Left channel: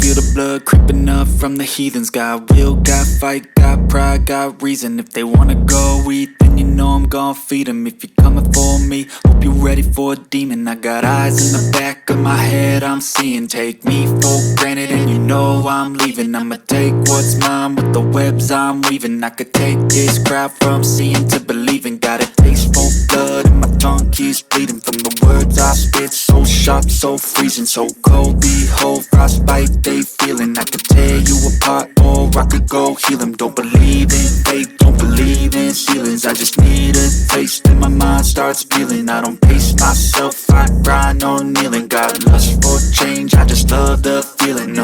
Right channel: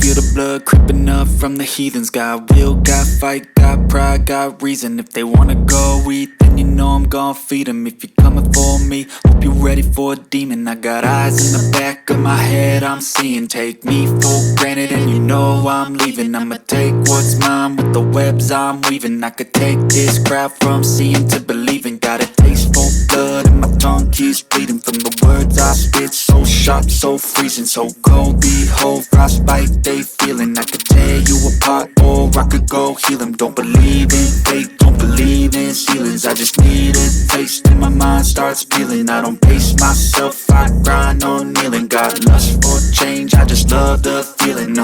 feel the blood creeping up from the heathens. Got will, got fight, got pride, got reason. If they wanna go eat, then you know I'm gon' feed them. If you're coming for me, hope you're ready for a demon. I got eyes in the back of my head, I'm seeing. Take me for granted and you know I'm leaving. I'ma take what's mine with the webs I'm weaving. I could take this crowd from seeing to believing. Got a taste for blood and my tongue keeps bleeding from the words I spit. So sharp, so freezing, so cold. Behold, frostbite they feeling. I could tear you apart or I could go heal them. Don't believe in fate, don't believe in ceilings. I just need a taste and my mind starts peeling. I don't pace myself, I grind on kneeling. Got lust for change, I just love the feeling.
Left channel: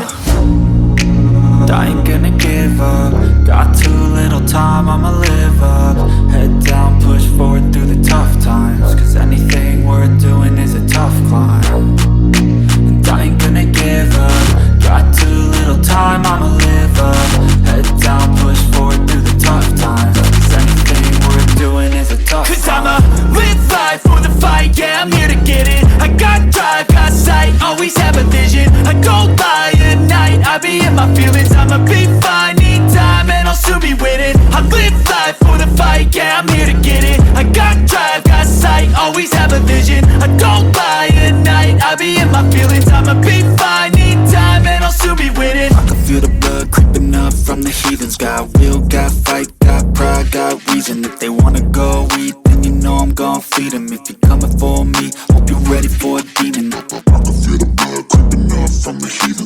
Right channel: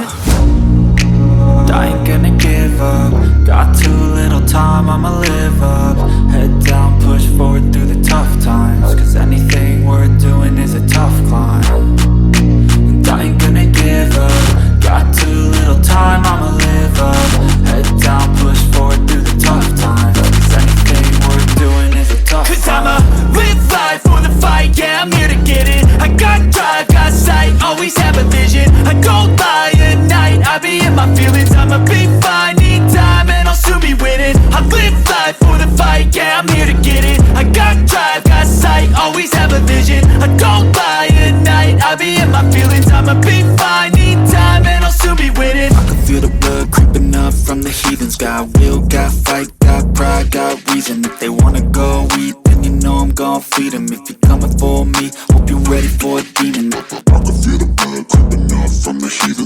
I ain't gonna give up. Got too little time, I'ma live up. Head down, push forward through the tough times. Cause anything worth doing is a tough climb. And I ain't gonna give up. Got too little time, I'ma live up. Head down, push forward through the tough times. Cause anything worth doing is a tough climb. Cause I'ma live life for the fight, yeah, I'm here to get it. I got drive, got sight, always have a vision. I don't lie at night, I be in my feelings. I'ma be fine, need time and I'll soon be winning. I live life for the fight, yeah, I'm here to get it. I got drive, got sight, always have a vision. I don't lie at night, I be in my feelings. I'ma be fine, need time and I'll soon be winning. I can feel the blood creeping up from the heathens. Got will, got fight, got pride, got reason. If they wanna go eat, then you know I'm gon' feed them. If you're coming for me, hope you're ready for a demon. I can feel the blood creeping up from the heathens.